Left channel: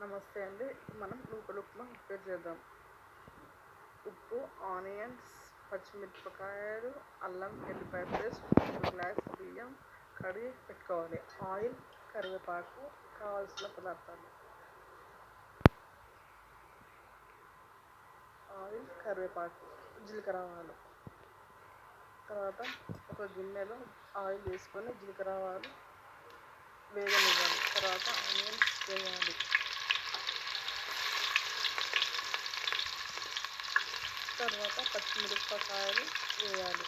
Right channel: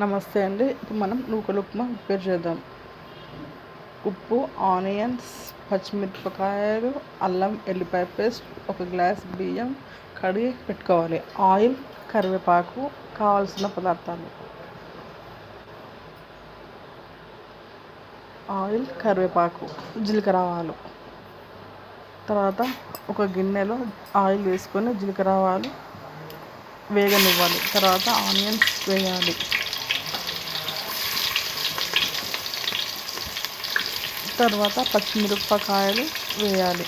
నమస్తే అండి. ఇప్పుడు మనం నూకల ఉప్మా ప్రిపేర్ చేద్దాం. ఉప్పు ఆనియన్స్ పచ్చిమిరపకాయలు అల్లం ఎల్లిపాయ పేస్ట్ ఒక గ్లాస్ బియ్యం కడిగి పెట్టుకోవాలి. ఆయిల్ కరివేపాకు కావాల్సిన పదార్థాలు. ఆయిల్ కరివేపాకు జీలకర్ర ఆవాలు తర్వాత ఒక గిన్నెలో ఆయిల్ వేసుకొని జీలకర్ర ఆవాలు వేగనివ్వాలి. తర్వాత ఆనియన్స్ వేయాలి. తర్వాత పచ్చిమిరపకాయలు వేయాలి.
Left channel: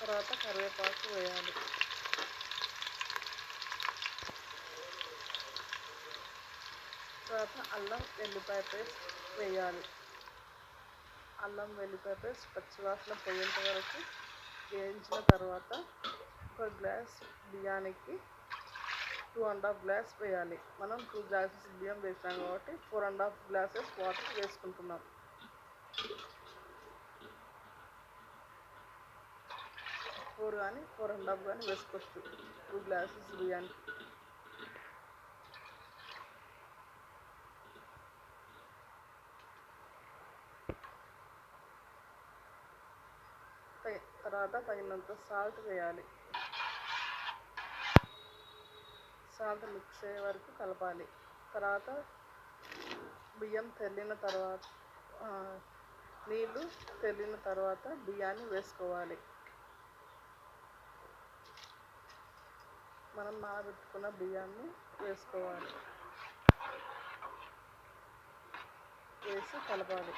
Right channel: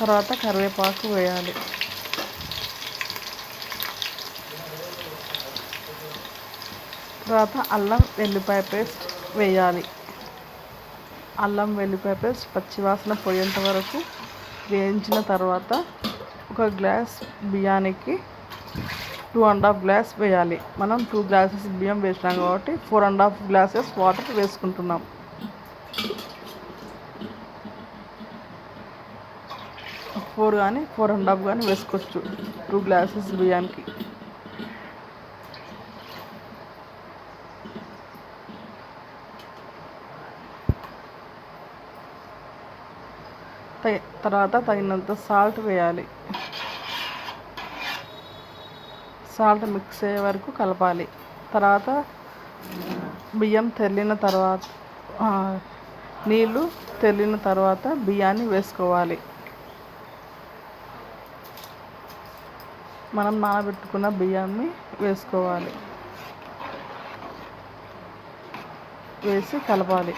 తర్వాత కరివేపాకు వేయాలి. తర్వాత అల్లం వెల్లిపాయ పేస్ట్ వేయాలి. అల్లం వెల్లిపాయ పేస్ట్ పచ్చివాసన పోయేంత వరకు వేయించిన తర్వాత ఒక గ్లాస్ బియ్యానికి టూ అండ్ హాఫ్ గ్లాస్ వేయాలి. మనం టూ గ్లాసెస్ బియ్యం వేసినాం కాబట్టి four and half glasses water వేసుకుంటున్నాం. ఫోర్ కానీ ఫోర్ అండ్ హాఫ్ కానీ వేసుకోవచ్చు. టూ గ్లాసెస్ బియ్యానికి. తర్వాత తగినంత సాల్ట్ వేయాలి. సాల్ట్ మిక్స్ అయ్యే వరకు కలపాలి. తర్వాత బియ్యం తెల్లిన తర్వాత నీళ్ళు తెల్లిన తర్వాత బియ్యాన్ని వేసుకోవాలి. మనం నానబెట్టుకున్న బియ్యాన్ని వేసుకోవాలి. వేసి కలపాలి.